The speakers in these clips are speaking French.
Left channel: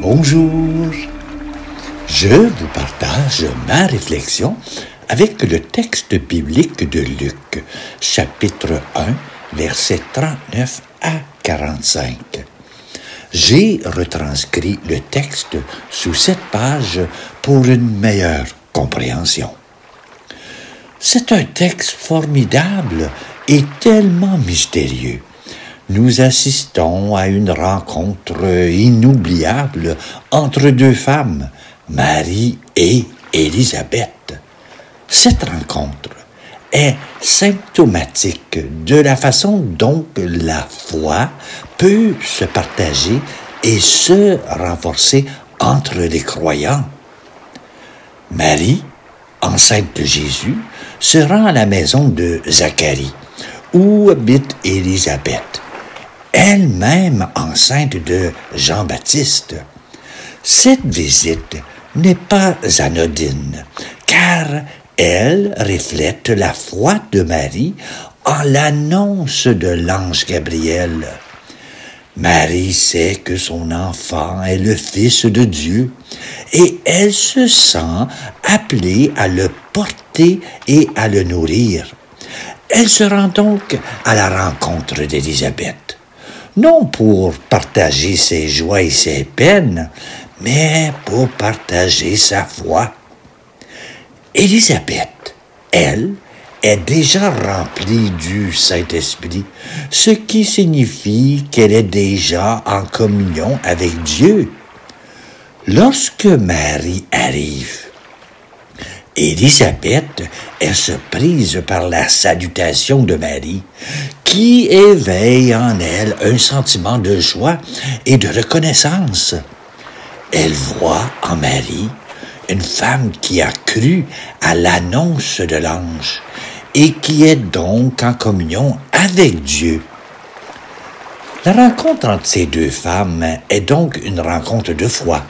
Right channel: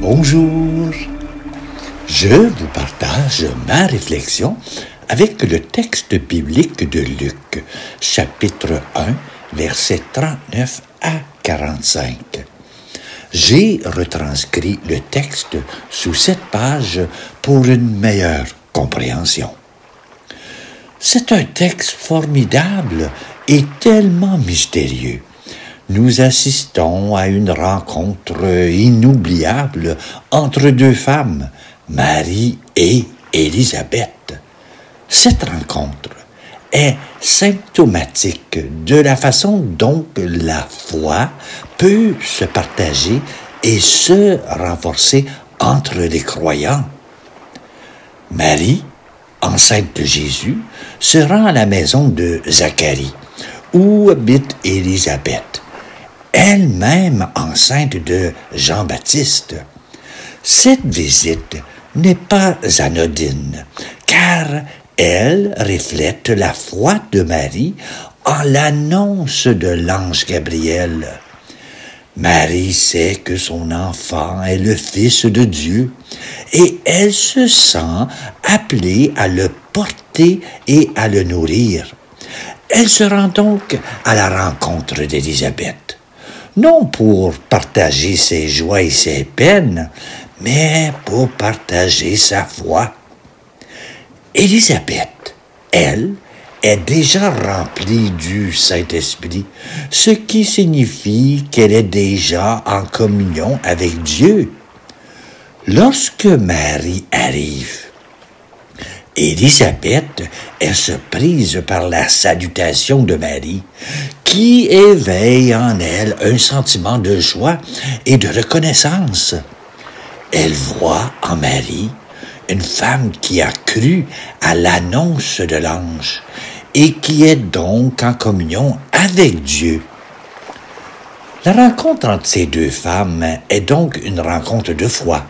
Bonjour, je vous partage ma réflexion avec le texte biblique de Luc, chapitre 1, versets 39 à 45. J'ai retranscrit le texte sous cette page pour une meilleure compréhension. C'est un texte formidable et tellement mystérieux. Nous assistons à une rencontre inoubliable entre deux femmes, Marie et Élisabeth. Cette rencontre est symptomatique de la façon dont la foi peut se partager et se renforcer entre les croyants. Marie, enceinte de Jésus, se rend à la maison de Zacharie, où habite Élisabeth, elle-même enceinte de Jean-Baptiste. Cette visite n'est pas anodine, car elle reflète la foi de Marie en l'annonce de l'ange Gabriel. Marie sait que son enfant est le Fils de Dieu et elle se sent appelée à le porter et à le nourrir. Elle se rend donc à la rencontre d'Élisabeth, non pour partager ses joies et ses peines, mais pour partager sa foi. Élisabeth, elle, est déjà remplie du Saint-Esprit, ce qui signifie qu'elle est déjà en communion avec Dieu. Lorsque Marie arrive, Élisabeth est surprise par la salutation de Marie, qui éveille en elle un sentiment de joie et de reconnaissance. Elle voit en Marie une femme qui a cru à l'annonce de l'ange et qui est donc en communion avec Dieu. La rencontre entre ces deux femmes est donc une rencontre de foi.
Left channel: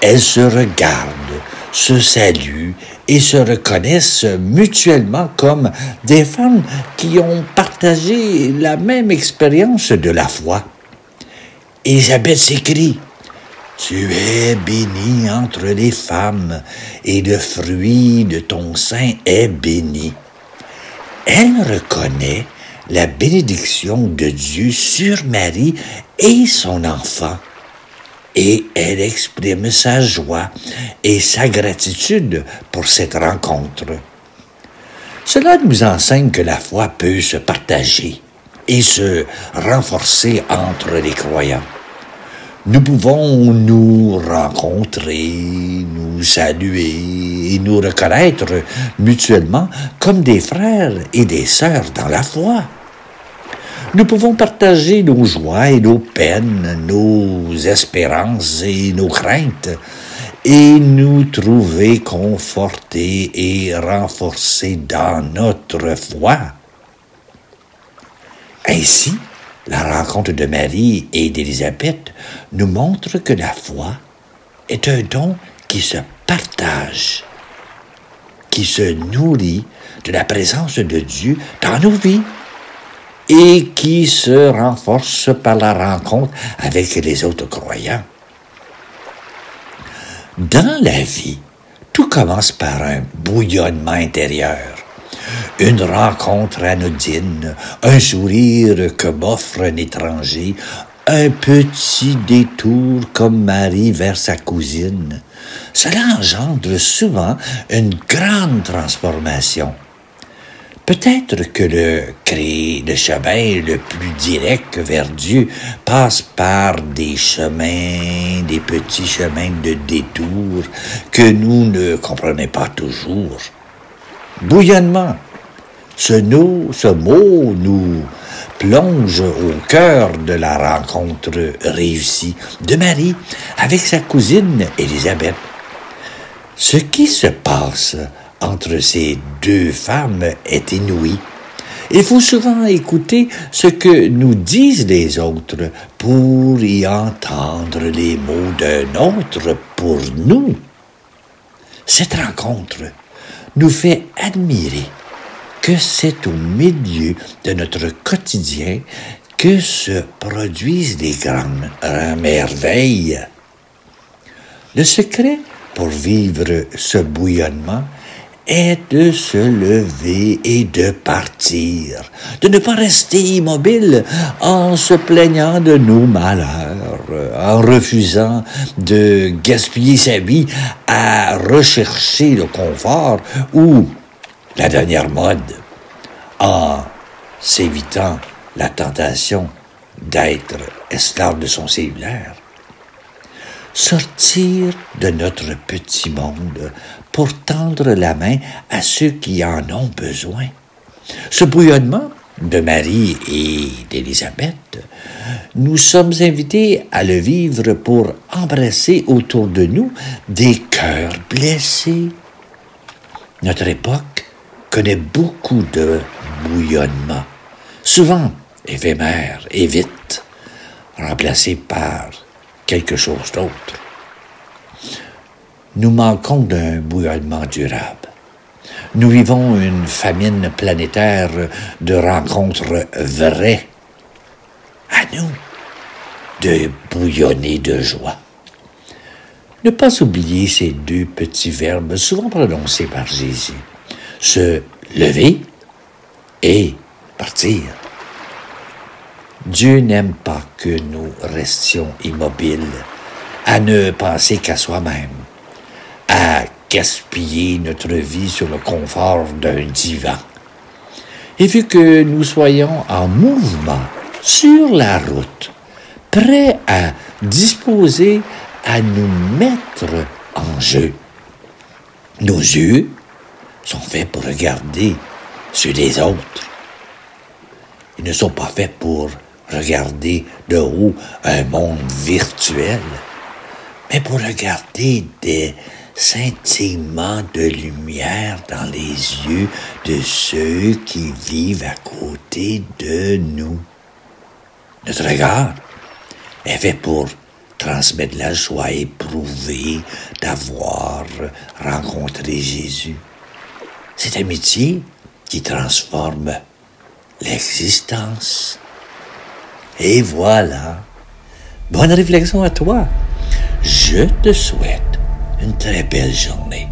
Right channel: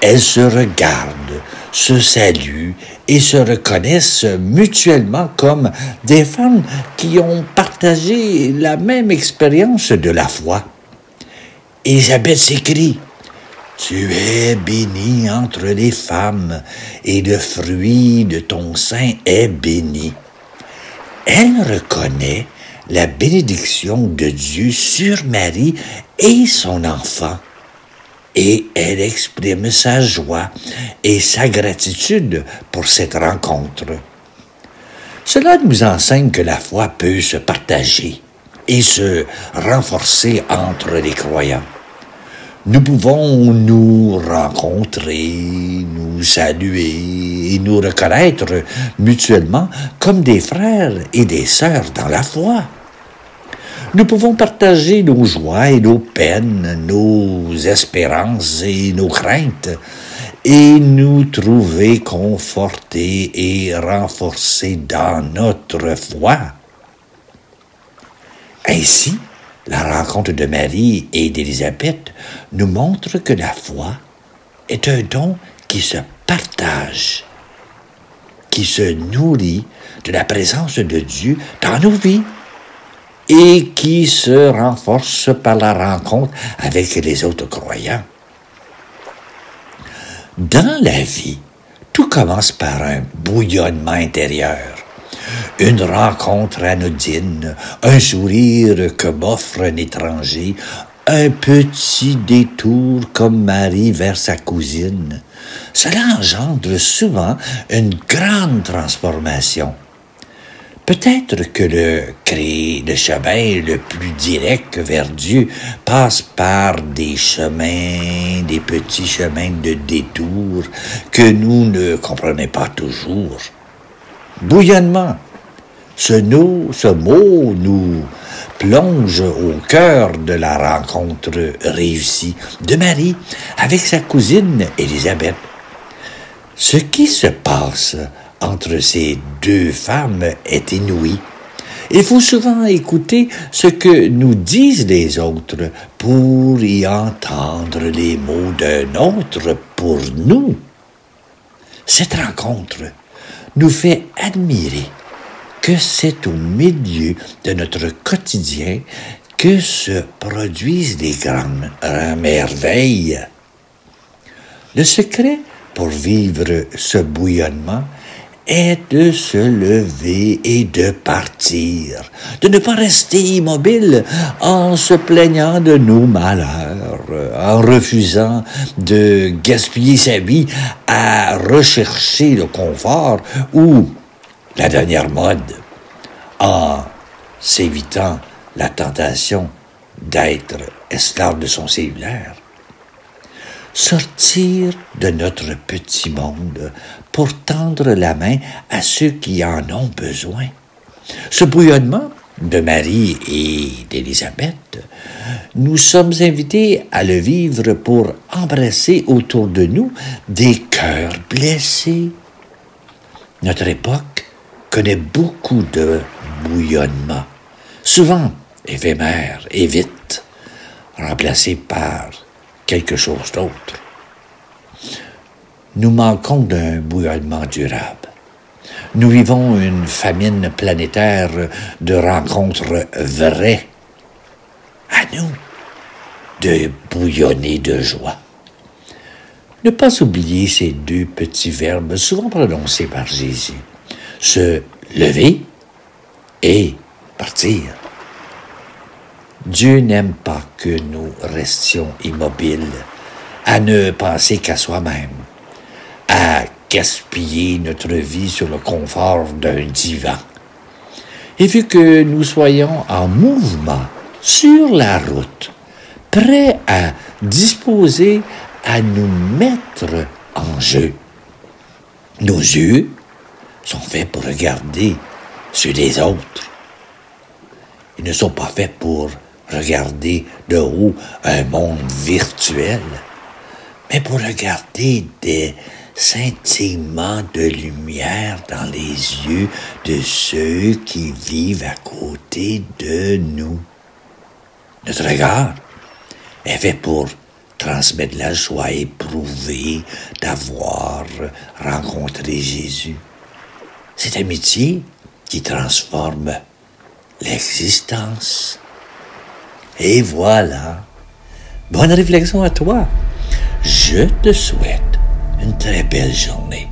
Elles se regardent, se saluent et se reconnaissent mutuellement comme des femmes qui ont partagé la même expérience de la foi. Élisabeth s'écrie: « Tu es bénie entre les femmes, et le fruit de ton sein est béni. » Elle reconnaît la bénédiction de Dieu sur Marie et son enfant, et elle exprime sa joie et sa gratitude pour cette rencontre. Cela nous enseigne que la foi peut se partager et se renforcer entre les croyants. Nous pouvons nous rencontrer, nous saluer et nous reconnaître mutuellement comme des frères et des sœurs dans la foi. Nous pouvons partager nos joies et nos peines, nos espérances et nos craintes, et nous trouver confortés et renforcés dans notre foi. Ainsi, la rencontre de Marie et d'Élisabeth nous montre que la foi est un don qui se partage, qui se nourrit de la présence de Dieu dans nos vies et qui se renforce par la rencontre avec les autres croyants. Dans la vie, tout commence par un bouillonnement intérieur. Une rencontre anodine, un sourire que m'offre un étranger, un petit détour comme Marie vers sa cousine. Cela engendre souvent une grande transformation. Peut-être que le chemin le plus direct vers Dieu passe par des petits chemins de détour que nous ne comprenons pas toujours. Bouillonnement. Ce mot nous plonge au cœur de la rencontre réussie de Marie avec sa cousine Élisabeth. Ce qui se passe entre ces deux femmes est inouï. Il faut souvent écouter ce que nous disent les autres pour y entendre les mots d'un autre pour nous. Cette rencontre nous fait admirer que c'est au milieu de notre quotidien que se produisent les grandes merveilles. Le secret pour vivre ce bouillonnement est de se lever et de partir, de ne pas rester immobile en se plaignant de nos malheurs, en refusant de gaspiller sa vie à rechercher le confort ou la dernière mode, en s'évitant la tentation d'être esclave de son cellulaire. Sortir de notre petit monde pour tendre la main à ceux qui en ont besoin. Ce bouillonnement de Marie et d'Élisabeth, nous sommes invités à le vivre pour embrasser autour de nous des cœurs blessés. Notre époque connaît beaucoup de bouillonnement, souvent éphémère et vite, remplacé par quelque chose d'autre. Nous manquons d'un bouillonnement durable. Nous vivons une famine planétaire de rencontres vraies. À nous de bouillonner de joie. Ne pas oublier ces deux petits verbes souvent prononcés par Jésus. Se lever et partir. Dieu n'aime pas que nous restions immobiles, à ne penser qu'à soi-même, à gaspiller notre vie sur le confort d'un divan. Et vu que nous soyons en mouvement, sur la route, prêts à disposer à nous mettre en jeu, nos yeux sont faits pour regarder ceux des autres. Ils ne sont pas faits pour regarder de haut un monde virtuel, mais pour regarder des scintillements de lumière dans les yeux de ceux qui vivent à côté de nous. Notre regard est fait pour transmettre la joie éprouvée d'avoir rencontré Jésus. Cette amitié qui transforme l'existence. Et voilà. Bonne réflexion à toi. Je te souhaite une très belle journée.